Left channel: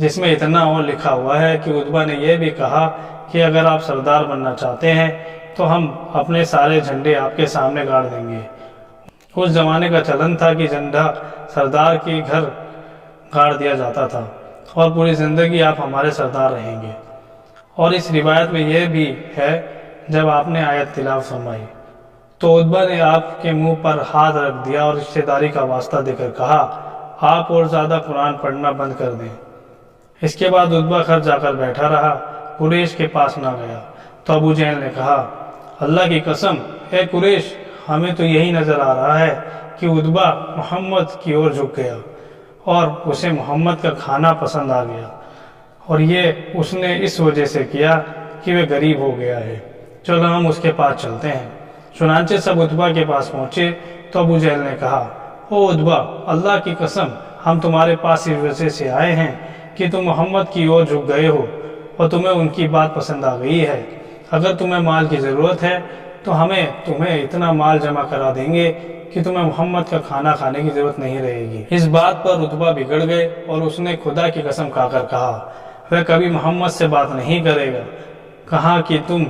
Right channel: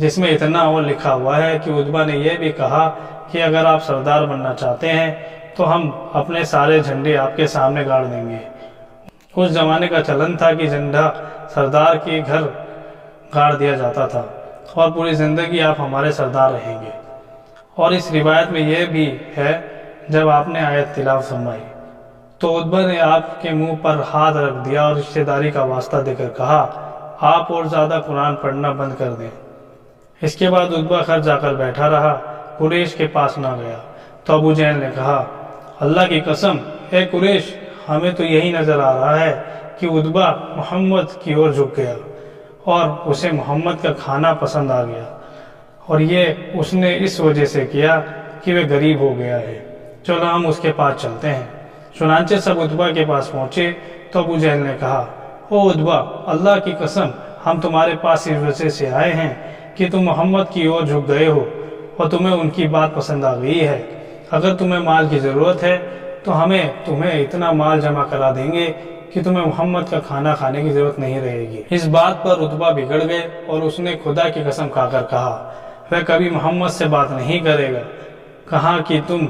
جس میں اتنا اور لکھا ہوا ہے کہ عتبہ نے یہ بھی کہا کہ اگر آپ سردار بننا چاہتے ہیں تو ہم اپنے سارے جھنڈے آپ کے سامنے گاڑ دیں گے۔ اس زمانے کا چلن تھا کہ جھنڈا سردار کے گھر گاڑ دیا جاتا تھا اور پوری زندگی آپ ہمارے سردار رہیں گے۔ اور اس روایت میں یہ بھی ہے جب آپ نے آیت تلاوت فرمائی تو عتبہ نے آپ کے منہ پر ہاتھ رکھ دیا اور رشتہ داری کا واسطہ دے کر کہا آپ اور زیادہ قرآن پڑھنا بند کر دیں۔ اس کے بعد عتبہ گھر جا کر بیٹھا رہا، قریش کے پاس نہ گیا۔ تو ابو جہل نے کہا اللہ کی قسم اے قریش، ہمیں تو یہی نظر آ رہا ہے کہ عتبہ محمد کی اور جھک گیا اور اسے محمد کا کھانا پسند آ گیا، اور یہ اس نے اس وجہ سے کیا کہ وہ غریب ہو گیا ہے، چلو ہم اس کے پاس چلتے ہیں۔ چنانچہ سب عتبہ کے پاس پہنچے تو ابو جہل نے کہا او عتبہ، اللہ کی قسم ہم تمہارے پاس اس وجہ سے آئے ہیں کہ تم محمد کی اور جھک گئے ہو اور تمہیں ان کی بات پسند آ گئی ہے۔ اگر تمہیں مال کی ضرورت ہے تو ہمیں تمہیں اتنا مال جمع کرا دیں گے کہ تمہیں محمد کا کھانا کھانے کی ضرورت نہیں رہے گی۔ اس بات پر عتبہ بگڑ گئے اور اس نے خدا کی قسم کھا کر کہا وہ کبھی محمد سے بات نہیں کرے گا۔ کہا کہ تم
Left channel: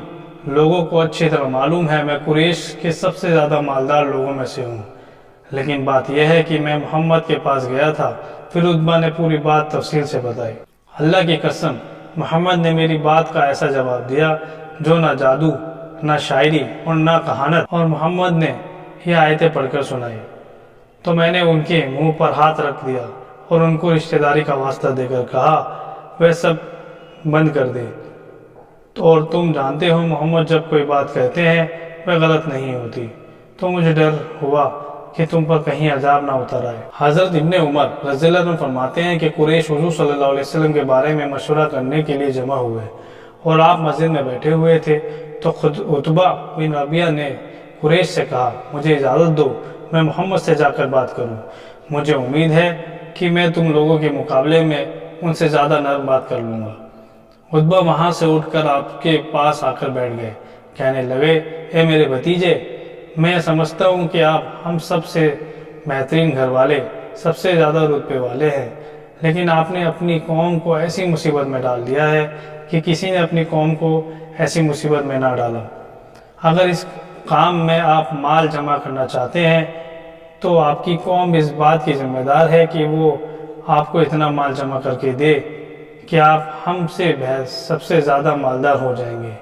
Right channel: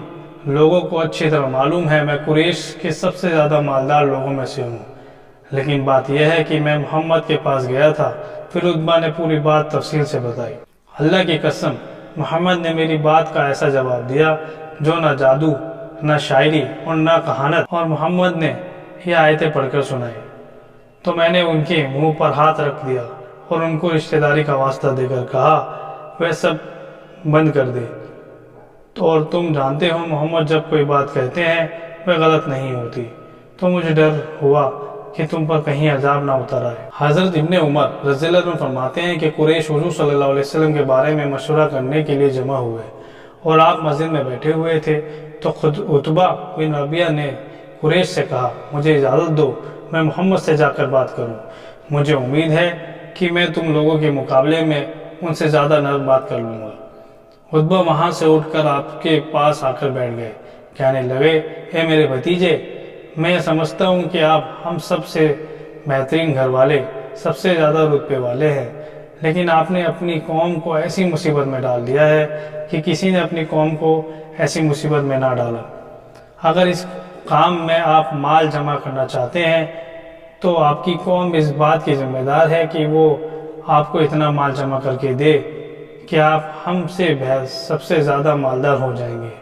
لوگوں کو اچھی طرح معلوم ہے میں قریش کے سب سے زیادہ مالدار لوگوں میں سے ہوں، لیکن بات یہ ہے کہ میں محمد کے پاس گیا تھا۔ پھر عتبہ نے پوری بات تفصیل سے بتائی۔ اللہ کی قسم محمد نے میری بات کا ایسا جواب دیا جو نہ جادو، نہ شاعری اور نہ کہانت، اور محمد نے یہ آیتیں پڑھ کر سنائی تو میں نے ان کے منہ پر ہاتھ رکھ دیا اور ان کو رشتہ داری کا واسطہ دے کر کہا وہ سب بند کر دے، اور تم جانتے ہو محمد جب کوئی بات کہتے ہیں وہ غلط نہیں ہوتی، تو مجھے ڈر ہوا کہ تم پر کہیں عذاب نہ اتر آئے۔ حضرت ابن عمر رضی اللہ عنہ فرماتے ہیں کہ قریش حضور صلی اللہ علیہ وسلم کے بارے میں مشورہ کرنے کے لیے جمع ہوئے اور آپ مسجد میں بیٹھے ہوئے تھے تو خود عتبہ بن ربیعہ نے قریش سے کہا مجھے اجازت دو میں محمد سے جا کر بات کروں، مجھے امید ہے کہ میں تم لوگوں کے مقابلے میں ان سے زیادہ نرم بات کر لوں گا۔ عتبہ وہاں سے اٹھ کر آپ کے پاس آ کر بیٹھ گئے، کہنے لگے اے میرے بھتیجے، میں سمجھتا ہوں کہ آپ ہم سب سے بہترین گھر والے، سب سے زیادہ رتبے والے ہیں، لیکن آپ نے اپنی قوم کو ایسی مصیبت میں ڈال دیا ہے کہ کسی نے اپنی قوم کو ایسی مصیبت میں نہ ڈالا۔ اگر اس کام میں آپ مال جمع کرنا چاہتے ہیں تو آپ کی قوم اس بات کی ذمہ دار ہے کہ وہ آپ کو اتنا مال جمع کر کے دے کہ آپ ہم سے سب سے زیادہ مالدار ہو جائیں گے،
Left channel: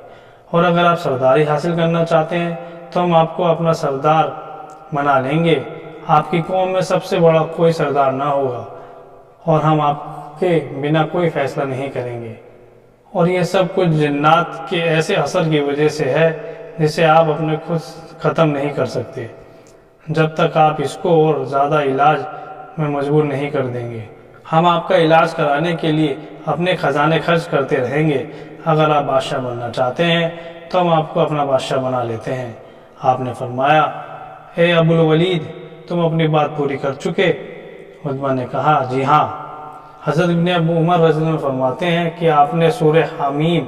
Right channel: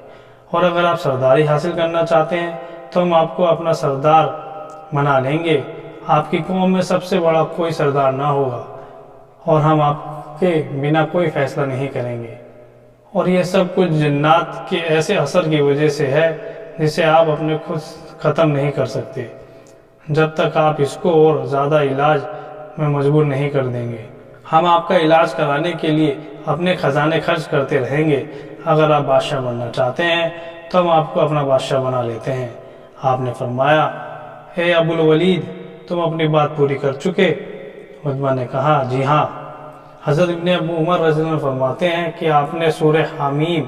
اور اگر آپ سرداری حاصل کرنا چاہتے ہیں تو ہم آپ کو اپنا سردار بنا لیں گے۔ آپ کی قوم میں سب سے بڑا کوئی سردار نہ ہوگا اور ہم آپ کے بنا کوئی فیصلہ نہیں کریں گے، اور یہ سب کچھ جنات کے ایسے اثر کی وجہ سے ہے جسے آپ اپنے خود ختم نہیں کر سکتے جب تک آپ اس کو اور زیادہ علاج میں مجبور نہیں کر دیں گے۔ ہم آپ کا علاج کرانے کے لیے اپنے خزانے خرچ کرتے رہیں گے۔ اگر آپ بادشاہ بننا چاہتے ہیں تو ہم آپ کو اپنا بادشاہ بنا لیتے ہیں۔ آپ نے فرمایا اے ابو الولید، تم اپنی بات پوری کر چکے؟ عتبہ نے کہا جی ہاں۔ حضرت ابن ابو عمر رضی اللہ عنہ فرماتے ہیں کہ آپ نے سورہ حمیم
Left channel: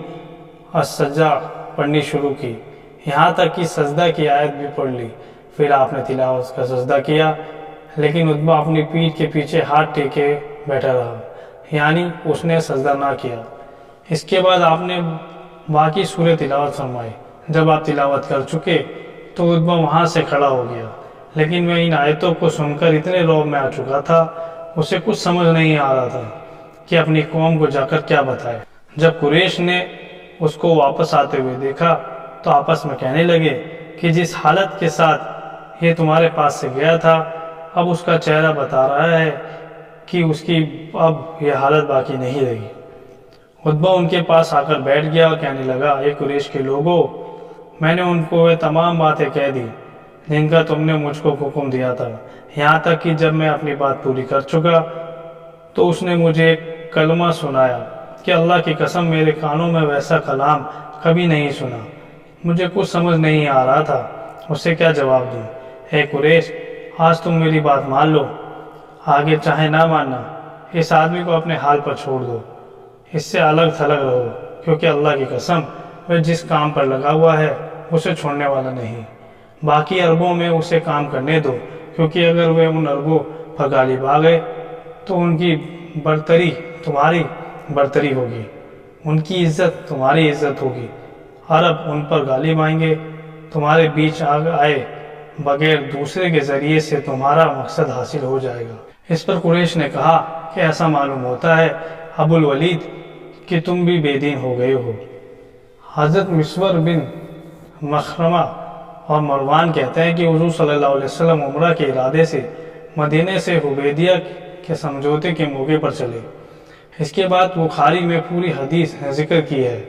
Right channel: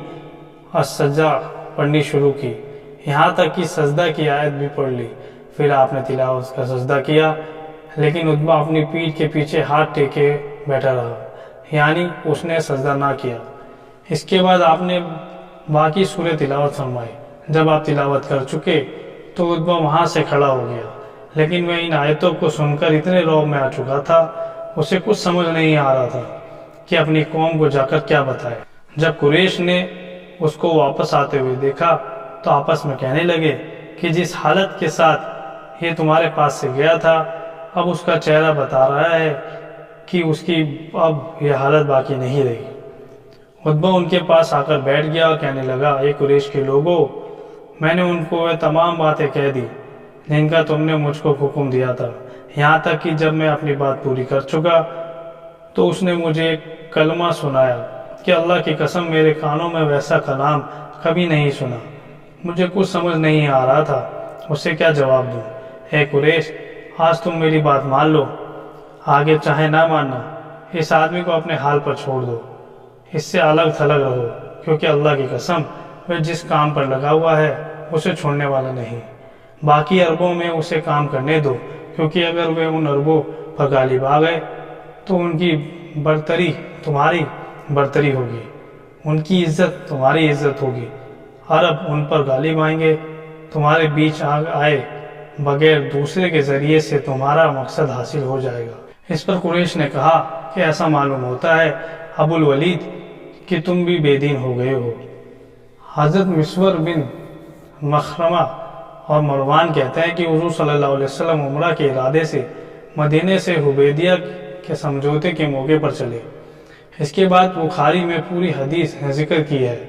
السجدہ پڑھنی شروع کی، یہاں تک کہ سجدہ کی آیت بھی پڑھ لی۔ پھر آپ نے تلاوت کا سجدہ کیا، لیکن عتبہ اپنی پیٹھ کے پیچھے ہاتھ ٹیکے بیٹھا رہا، یعنی اس نے سجدہ نہ کیا۔ اس کے بعد آپ نے باقی سورہ تلاوت فرمائی۔ جب آپ تلاوت کر چکے تو عتبہ وہاں سے کھڑا ہو گیا، لیکن وہ ان آیتوں کو سن کر اتنے رعب میں آ چکا تھا اسے کچھ سمجھ نہیں آ رہا تھا کہ اپنی قوم کو جا کر کیا بتائے۔ جب قریش نے اس کو واپس آتے ہوئے دیکھا تو آپس میں کہنے لگے کہ جس حالت کے ساتھ یہ تمہارے پاس سے گیا تھا اب اس کا چہرہ بتا رہا ہے کہ اس کی اب یہ حالت باقی نہیں رہی۔ عتبہ ان کے پاس آ کر بیٹھ گیا اور کہنے لگا اے قریش کے لوگوں، میں نے ان کو وہ تمام باتیں کہہ دی جن کا تم نے مجھ کو حکم دیا تھا، یہاں تک کہ جب میں اپنی بات پوری کر چکا تو اس نے مجھے ایک کلمہ سنایا کہ اللہ کی قسم میرے کانوں میں ویسا کلام کبھی نہیں سنا۔ مجھے کچھ سمجھ نہیں آ رہا تھا اسے کیا جواب دوں۔ اے قریش، آج تم میری بات مان لو، آگے چاہے نہ ماننا، اس آدمی کو اپنے حال پر چھوڑ دو، اس سے الگ تھلگ رہو، کیونکہ اللہ کی قسم وہ جس کام پر لگا ہوا ہے اسے چھوڑنے والا نہیں۔ باقی عربوں میں اسے کام کرنے دو، کیونکہ اگر وہ ان عربوں پر غالب آ گئے تو ان کی برتری تمہاری برتری ہوگی، ان کی عزت تمہاری عزت ہوگی، عرب ان پر غالب آئیں گے، تمہارے بیچ آئے بغیر دوسرے کے ذریعے سے تمہارا مقصد حاصل ہو جائے گا۔ اس پر قریش نے کہا کہ ایسا معلوم ہوتا ہے ابو الولید کہ تم بھی بے دین ہو گئے ہو۔ حضرت مسور بن مخرمہ اور مروان کہتے ہیں کہ حضور صلی اللہ علیہ وسلم عمرہ کے ارادے سے مدینے سے حدیبیہ کے سمجھوتے کے موقع پر چلے۔ اس کے بعد بخاری میں پوری حدیث ذکر کی ہے،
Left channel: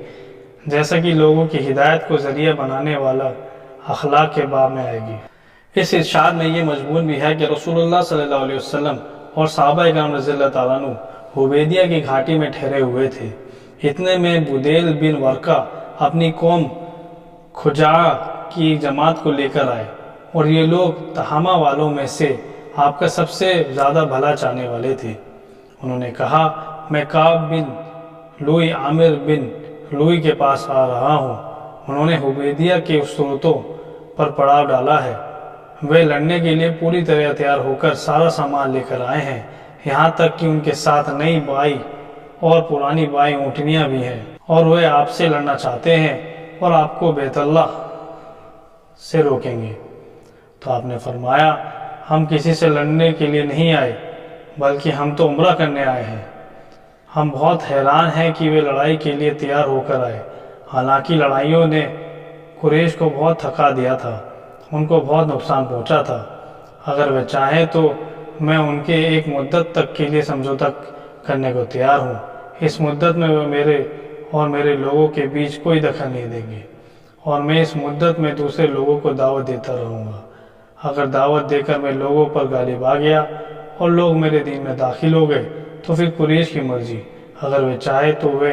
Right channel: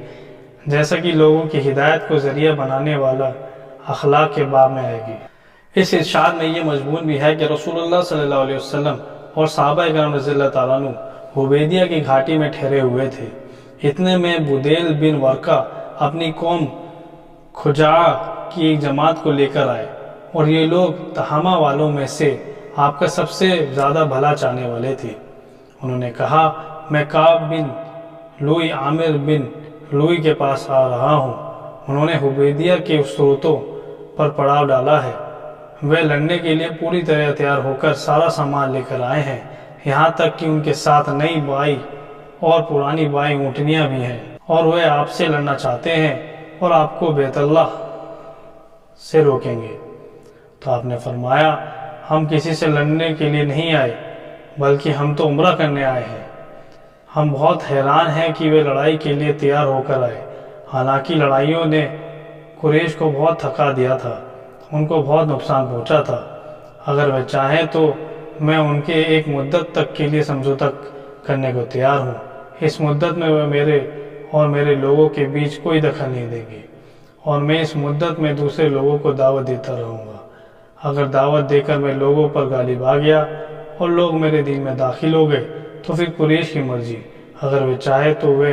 جیسا کہ لوگوں کی ہدایت کو ذریعہ بنانے والا اخلاق کے باب میں آئے گی۔ اس ارشاد میں یہ مضمون بھی ہے کہ رسول اللہ صلی اللہ علیہ وسلم اور صحابہ کرام رضی اللہ تعالیٰ عنہ حدیبیہ کی گھاٹی میں ٹھہرے ہوئے تھے۔ اتنے میں بدیل بن ورقہ اپنی قوم خزاعہ کی جماعت کو لے کر آئے، اور یہ لوگ تہامہ والوں میں سے آپ کا سب سے زیادہ بھلا چاہنے والے تھے۔ انہوں نے کہا، میں کعب بن لوئی عامر بن لوئی کے پاس آ رہا ہوں۔ انہوں نے حدیبیہ کے صورتوں پر پڑاؤ ڈالا ہے، وہ لڑنے کے لیے پوری طرح تیار ہو کر سارا سامان لے کر آئے ہیں، یہاں تک کہ ان کے ساتھ نئی بائی اور پرانی بائی اونٹنیاں بھی ہیں، اور وہ آپ سے لڑنا چاہتے ہیں اور آپ کو بیت اللہ سے روکیں گے۔ تو آپ نے فرمایا، ہم کسی سے لڑنے کے لیے نہیں آئے، بلکہ ہم تو عمرہ کرنے آئے ہیں۔ ہم بہت حیران ہیں کہ وہ لڑائی کے لیے تیار ہو کر آئے، حالانکہ لڑائیوں نے قریش کو بہت تھکا دیا تھا، ان کو بہت نقصان پہنچا تھا۔ اگر وہ چاہیں تو میں ان کے ایک مدت تک کے لیے سمجھوتہ کرنے کو تیار ہوں۔ اس مدت میں وہ میرے اور میرے لوگوں کے بیچ کوئی دخل نہیں دیں گے، اور میں اس مدت میں دوسرے لوگوں کو دعوت دیتا رہوں گا۔ اگر دعوت دے کر میں لوگوں پر غالب آ گیا اور لوگ میرے دین میں داخل ہو گئے تو پھر قریش کی مرضی، اگر وہ چاہے تو وہ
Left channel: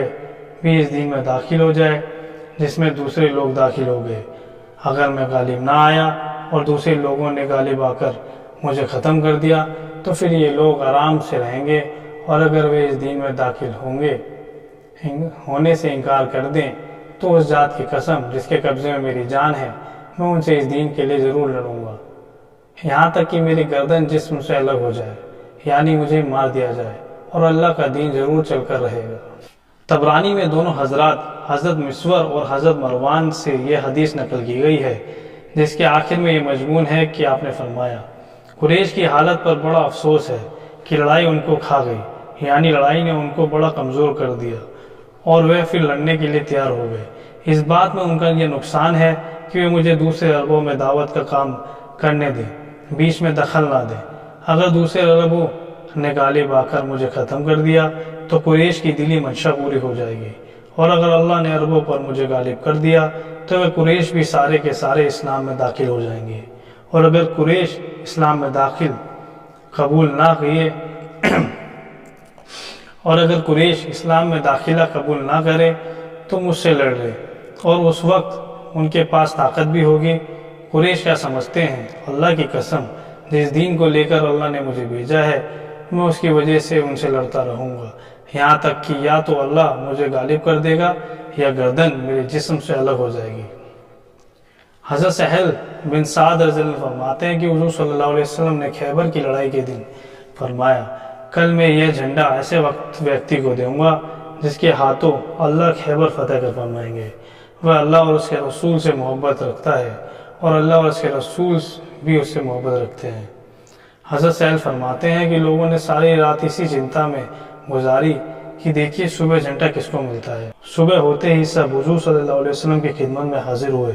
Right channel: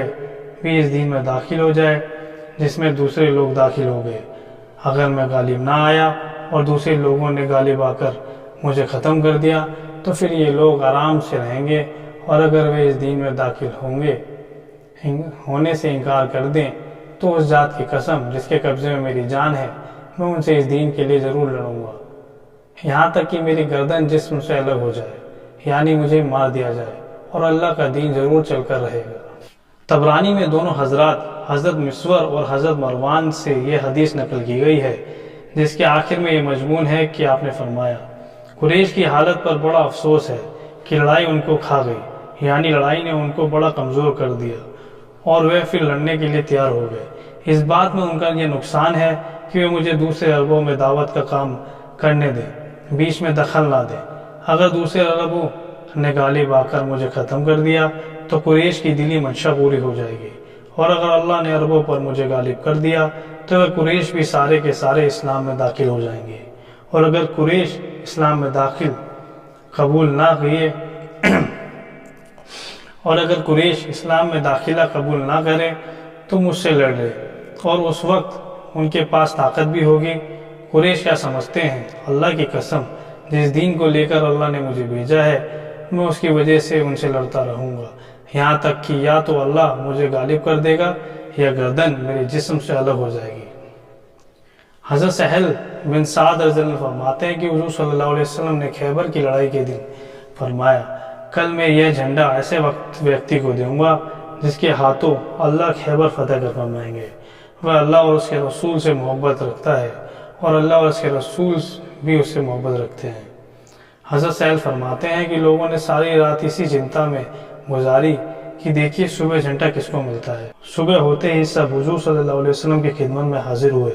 بھی اس دین میں داخل ہو جائے جس میں دوسرے لوگ داخل ہو گئے۔ اگر میں غالب نہ آیا اور دوسرے لوگوں نے غالب آ کر مجھے ختم کر دیا تو پھر یہ لوگ آرام سے رہیں گے، اور اگر وہ اس دین میں داخل ہونے سے انکار کر دیں تو اس ذات کی قسم جس کے قبضے میں میری جان ہے، میں ان سے اس دین کے لیے ضرور لڑوں گا، یہاں تک کہ میری گردن جسم سے الگ ہو جائے، یعنی مجھے مار دیا جائے، اور اللہ کا دین ضرور چل کر رہے گا۔ طبرانی میں دونوں حضرات حضرت مسور اور حضرت مروان سے یہ حدیث نقل کی گئی ہے، جس کے آخر میں یہ مضمون ہے کہ آپ نے فرمایا، قریش کی حالت پر بڑا افسوس ہے کہ لڑائی ان کو کھا گئی، یعنی لڑائی نے ان کو بڑا کمزور کر دیا اور وہ پھر لڑنے کے لیے تیار ہو گئے۔ اس بات میں ان کا یہ نقصان ہے کہ وہ مجھے دوسرے عربوں میں دعوت کا کام کرنے دیں، بیچ میں دخل نہ دیں۔ اگر دوسرے عربوں نے غالب آ کر مجھے ختم کر دیا تو قریش کی دلی منشا پوری ہو جائے گی، اور اگر اللہ نے عربوں پر مجھے غالب کر دیا تو وہ قریش بھی سارے کے سارے اسلام میں داخل ہو جائیں گے، اور اگر قریش اسلام میں داخل قبول نہ کیے اور اگر قریش اسلام میں داخلہ قبول نہ کرے تو مجھ سے لڑ لے، اور اس وقت ان کے پاس طاقت بھی ہوگی۔ قریش کیا سمجھتے ہیں؟ اللہ کی قسم، جس دین کو لے کر اللہ نے مجھے بھیجا ہے میں اس کی وجہ سے ان سے لڑتا رہوں گا، یہاں تک کہ یا تو اللہ مجھے غالب کر دے گا یا گردن میرے جسم سے الگ ہو جائے گی۔ حضرت سہل بن سعد رضی اللہ عنہ فرماتے ہیں کہ حضور صلی اللہ علیہ وسلم نے خیبر کی لڑائی کے دن فرمایا، کل میں یہ جھنڈا ایسے ویکتی کو دوں گا جس کے ہاتھوں اللہ خیبر فتح کر فرمائیں گے، وہ اللہ اور اس کے رسول سے محبت رکھتا ہے اور اللہ اور اس کے رسول بھی اس سے محبت رکھتے ہیں۔ حضرت سہل فرماتے ہیں کہ لوگوں نے ساری رات اسی چنتا میں گزاری کہ دیکھیے صبح جھنڈا کس کو ملتا ہے۔ صبح ہوتے ہی سب حضور صلی اللہ علیہ وسلم کی خدمت میں حاضر ہوئے،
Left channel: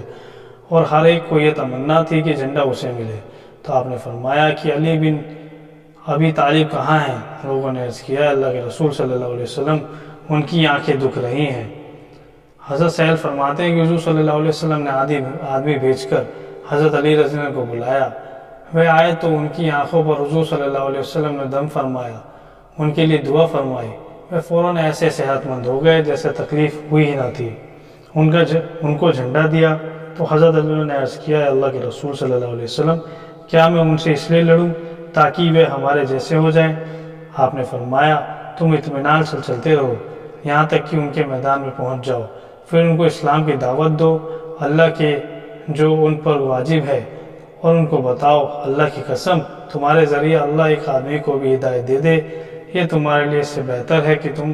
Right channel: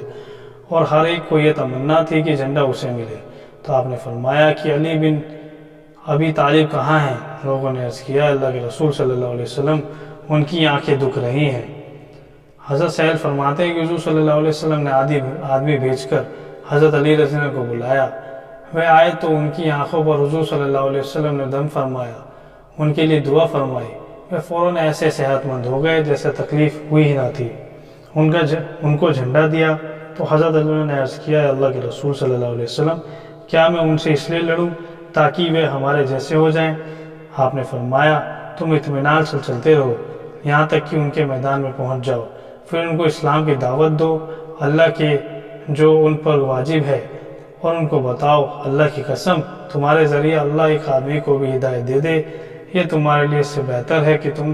اور ہر ایک کو یہ تمنا تھی کہ جھنڈا اسے ملے۔ تو آپ نے فرمایا کہ علی بن ابی طالب کہاں ہیں؟ لوگوں نے عرض کیا، اللہ کے رسول صلی اللہ علیہ وسلم ان کی آنکھیں دکھ رہی ہیں۔ حضرت سہل فرماتے ہیں کہ حضور صلی اللہ علیہ وسلم نے آدمی بھیج کر حضرت علی رضی اللہ عنہ کو بلایا، وہ آئے تو ان کی آنکھوں پر حضور صلی اللہ علیہ وسلم نے دم فرمایا، ان کے لیے دعا فرمائی، وہ فوراً ایسے صحت مند ہو گئے جیسے تکلیف ہوئی ہی نہ تھی۔ ان کو جھنڈا دیا تو حضرت علی نے عرض کیا، اللہ کے رسول صلی اللہ علیہ وسلم، کیا میں ان سے اس لیے لڑوں تاکہ وہ ہمارے جیسے ہو جائیں؟ آپ نے فرمایا، تم اطمینان سے چلتے رہو یہاں تک کہ ان کے میدان میں پہنچ جاؤ، پھر ان کو اسلام کی دعوت دو، اللہ کے جو ان پر واجب ہے، اور ان کو بتاؤ، اللہ کی قسم تمہارے ذریعہ اللہ ایک آدمی کو بھی ہدایت دے دے، یہ تمہارے لیے اس سے بہتر ہے کہ تم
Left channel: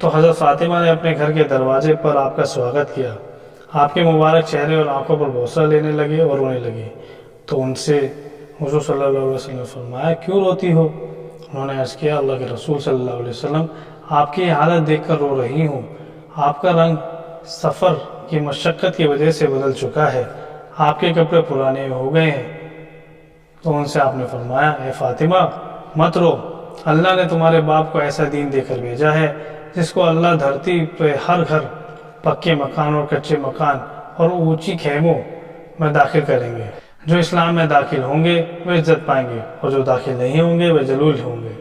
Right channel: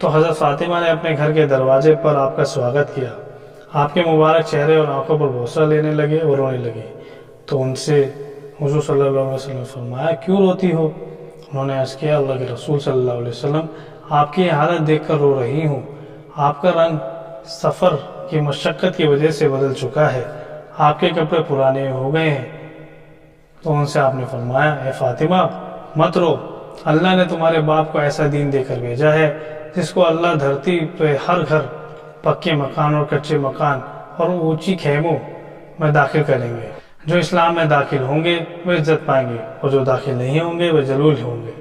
تو حضرت فاطمہ نے اپنے گھر کے دروازے پر آپ کا سواگت کیا۔ آپ کے مبارک چہرے اور آنکھوں پر بوسہ لینے لگے اور رونے لگی۔ تو ان سے حضور صلی اللہ علیہ وسلم نے فرمایا کیوں روتی ہو؟ انہوں نے عرض کیا اللہ کے رسول صلی اللہ علیہ وسلم آپ کی حالت دیکھ کر رو رہی ہوں، آپ کا رنگ سفر کی مشقت کی وجہ سے بدل چکا ہے، آپ کے کپڑے پرانے ہو گئے ہیں۔ تو ان سے آپ نے فرمایا اے فاطمہ مت رو، اللہ نے تمہارے باپ کو ایسا دین دے کر بھیجا ہے جس کو اللہ دھرتی پہ ہر گھر، پکے مکان اور کچے مکان اور اونچی خیموں میں داخل کریں گے۔ جو اسلام میں داخل ہوں گے وہ عزت پائیں گے اور جو داخل نہیں ہوں گے وہ ذلیل ہوں گے۔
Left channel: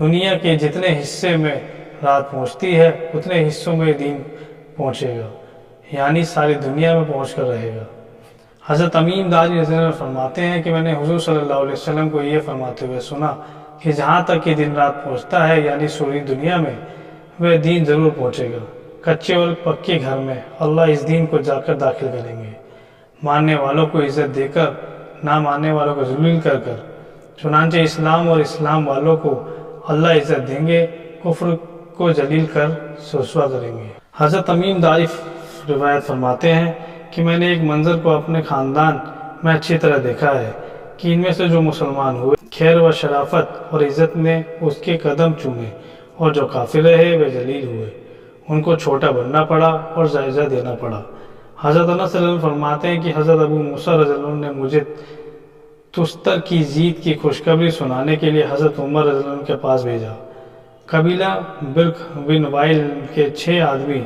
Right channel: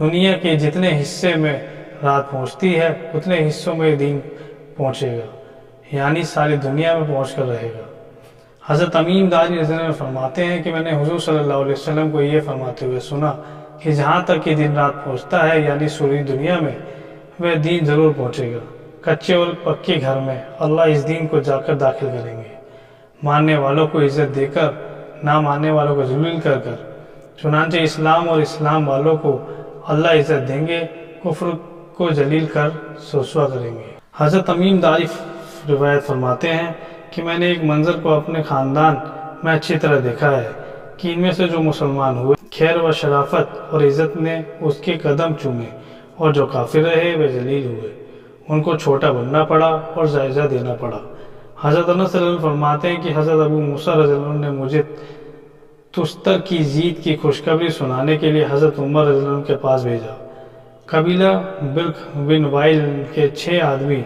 دنیا کے جتنے حصے میں رات پہنچتی ہے اتنے حصوں میں دین پہنچے گا، یعنی ساری دنیا میں پہنچ کر رہے گا۔ حضرت تمیم داری رضی اللہ عنہ فرماتے ہیں کہ میں نے حضور صلی اللہ علیہ وسلم کو یہ فرماتے ہوئے سنا کہ جہاں تک کہ دن رات پہنچتا ہے یعنی سوری دنیا میں وہ دین ضرور پہنچے گا۔ کچے اور پکے گھر میں اللہ اس دین کو جا کر داخل کریں گے، ماننے والوں کو عزت دے کر، نہ ماننے والوں کو ذلیل کر کر۔ چنانچہ اسلام اور اسلام والوں کو اللہ عزت دیں گے، کفر کو ذلیل کر رسوا کریں گے۔ حضرت تمیم داری روایت فرماتے ہیں کہ میں نے ایک منظر کو اپنے خاندان میں اچھی طرح دیکھا ہے کہ ان میں سے جو مسلمان ہوئے خیر و شرافت اور عزت نے اس کے قدم چومے، اور جو کافر رہے وہ ذلیل ہوئے، ان کو چھوٹا بننا پڑا اور جائزہ دینا پڑا۔ حضرت انس رضی اللہ عنہ فرماتے ہیں کہ حضرت ابو موسیٰ رضی اللہ عنہ نے مجھے تستر کی جیت کی خوشخبری سنانے کے لیے حضرت عمر رضی اللہ عنہ کے پاس بھیجا۔ قبیلہ برق بن وائل کے 6 آدمی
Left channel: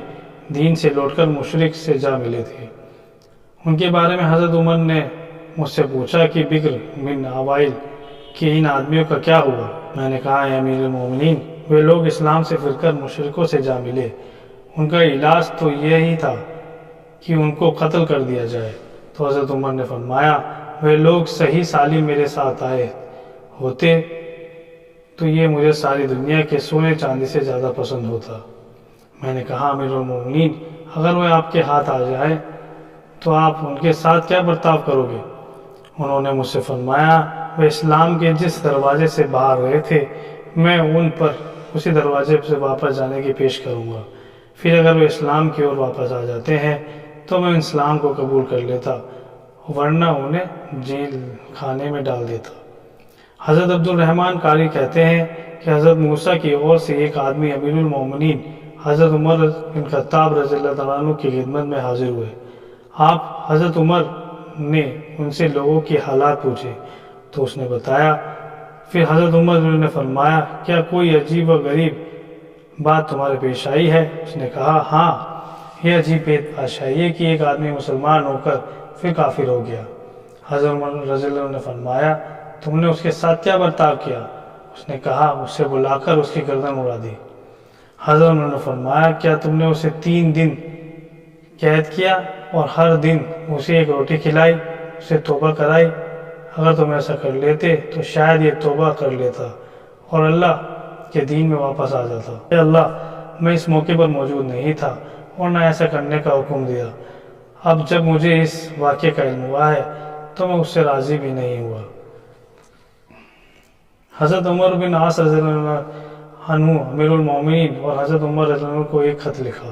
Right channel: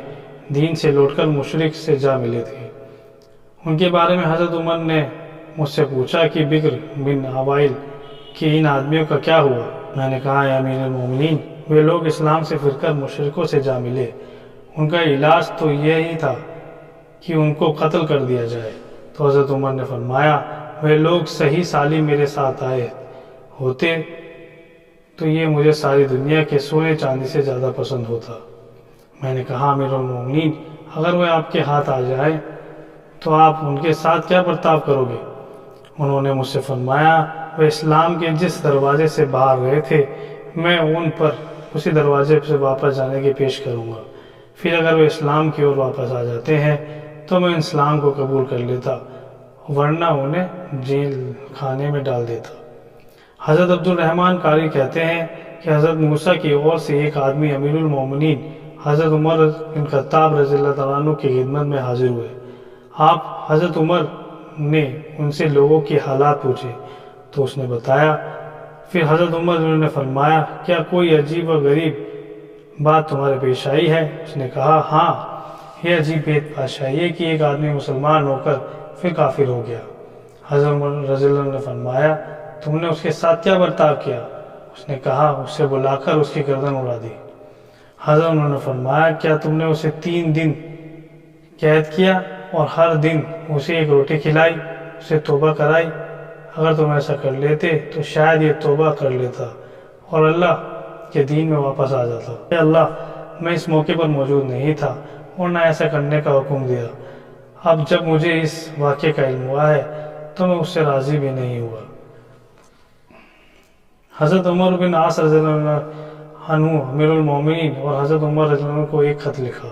دین سے لوٹ کر مشرک سے جا ملے تھے۔ ان کے بارے میں حضرت عمر نے مجھ سے پوچھا کہ بکر بن وائل کہ ان آدمیوں کا کیا ہوا؟ میں نے کہا اے امیر المومنین وہ لوگ اسلام سے پھر کر مشرکوں سے جا ملے، ان کا علاج تو یہی تھا کہ ان کو قتل کر دیا جائے۔ تو حضرت عمر نے فرمایا وہ لوگ صحیح سالم میرے ساتھ آئے ہوتے تو یہ مجھے ساری دنیا کے سونے چاندی سے زیادہ پسند ہوتا۔ میں نے کہا امیر المومنین اگر وہ آپ کے ہاتھ آ جائے تو آپ ان کے ساتھ کیا برتاؤ کرو گے؟ انہوں نے مجھ سے فرمایا وہ اسلام کے جس دروازے سے باہر گئے تھے میں ان پر اسی دروازے سے واپس جانے کی پیش کروں گا، پھر اگر وہ اسلام کی اور واپس آ جاتے ہیں تو میں اسلام کو قبول کر لیتا ورنہ انہیں جیل خانے میں ڈال دیتا۔ حضرت عبد الرحمن قاری کہتے ہیں کہ حضرت موسیٰ کی اور سے ایک آدمی امیر المومنین حضرت عمر بن خطاب رضی اللہ تعالیٰ عنہ کی خدمت میں حاضر ہوئے۔ آپ حضرت عمر نے ان سے لوگوں کی حالات پوچھے تو اس نے بتایا۔ پھر حضرت عمر نے فرمایا کیا کوئی عجیب و غریب بات تمہارے پیش آئی ہے؟ اس نے کہا ہاں، یہ عجیب پیش آئی ہے کہ ایک آدمی مسلمان ہو کر پھر کافر ہو گیا۔ حضرت عمر رضی اللہ عنہ نے فرمایا تم نے اس کے ساتھ کیا برتاؤ کیا؟ اس نے کہا اسے بلا کر اس کی گردن اڑا دی۔ حضرت عمر نے فرمایا کیا تم نے اسے 3 دن قید کیا اور ہر دن اسے ایک روٹی کھلائی، اسے توبہ کرائی؟ اگر تم ایسا کر لیتے تو شاید یہ توبہ کر لیتا اور اللہ کے دین میں واپس آ جاتا۔ اے اللہ میں اس موقع پر موجود نہیں تھا اور نہ ایسا کرنے کا حکم دیا، اب جب مجھے اس واقعے کا علم ہوا ہے تو میں اس سے راضی بھی نہیں ہوا۔ حضرت عمر بن عاص رضی اللہ عنہ امیر المومنین اور حضرت عمر رضی اللہ عنہ کو ایک خط لکھا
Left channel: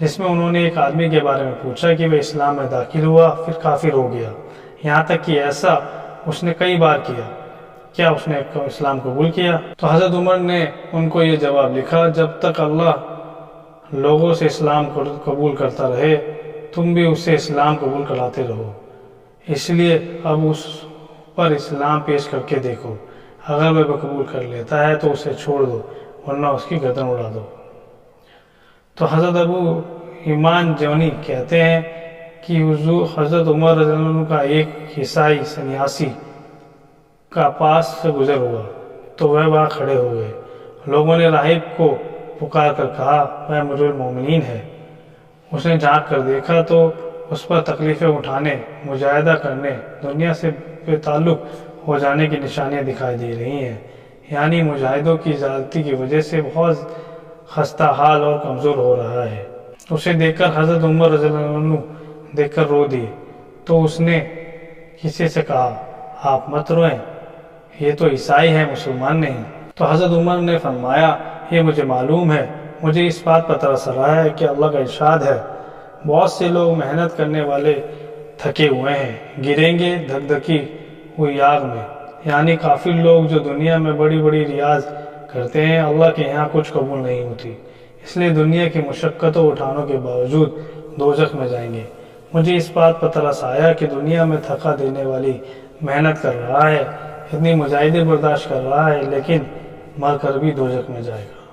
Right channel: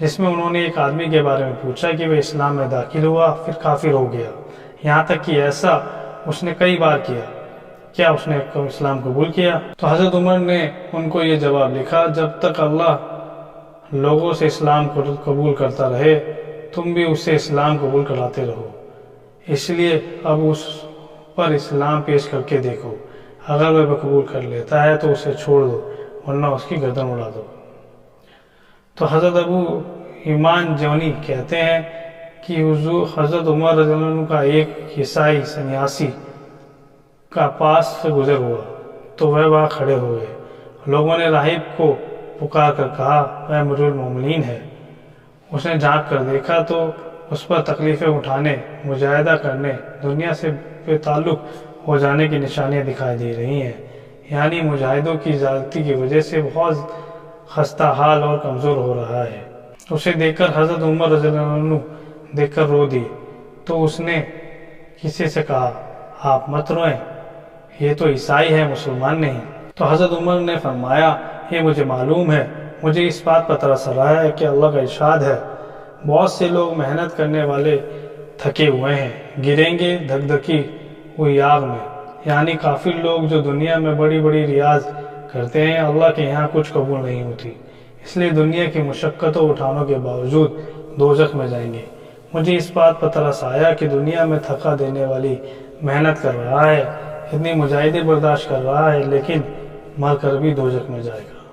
جس میں انہوں نے ایک آدمی کے بارے میں پوچھا کہ وہ اسلام میں داخل ہوا پھر کافر ہو گیا، یہاں تک کہ ایسا اس نے کئی بار کیا، کیا اس نے اسلام قبول کیا؟ تو حضرت عمر نے ان کو یہ جواب لکھا جب تک اللہ لوگوں سے اسلام کو قبول کرتا رہے تم بھی اسے اسلام قبول کراتے رہو، اس لیے اب اس پر اسلام پیش کر کے دیکھو، اگر وہ قبول کر لیتا ہے تو اسے چھوڑ دو ورنہ اس کی گردن اڑا دو۔ تو حضرت ابو ایمان جونی کہتے ہیں کہ حضرت عمر رضی اللہ عنہ کا ایک عیسائی سنیاسی کا پاس سے گزر ہوا تو وہ وہاں کھڑے ہو گئے۔ لوگوں نے راہب کو پکار کر کہا وہ امیر المومنین ہے۔ اس نے جھانک کر دیکھا تو اس پر تکلیفیں اٹھانے، مجاہدہ کرنے، دنیا سے بے تعلق ہو جانے کی نشانیاں دکھائی دے رہی ہیں، یعنی مجاہدوں کی زیادتی کی وجہ سے بہت خستہ حال اور کمزور ہو رہا ہے۔ اسے دیکھ کر حضرت عمر رضی اللہ عنہ دیکھ کر رو دی تو اس نے کسی سے کہا آپ مت روئیں، یہ تو عیسائی ہے مسلمان نہیں۔ تو حضرت عمر نے فرمایا یہ مجھے معلوم ہے، مجھے اس بات پر ترس آ رہا ہے کہ اللہ کا ارشاد ہے، بہت سے لوگ محنت کرنے والے تھکے ہوئے ہیں، گریں گے دھک دھکی ہوئی آگ میں۔ یعنی کافی لوگ جو دنیا میں بڑی بڑی ریاض کرتے ہیں، اللہ کے یہاں کچھ قبول نہیں ہوتی، اس لیے دنیا کی مشقتوں اٹھانوں کے باوجود دوزخ میں جائیں گے۔ مجھے اس بات پر ترس آیا کہ دنیا میں تھکا دینے والی محنت کر رہا ہے، اتنی مجاہدیں برداشت کر رہا ہے، لیکن مر کر بھی دوزخ میں جائے گا۔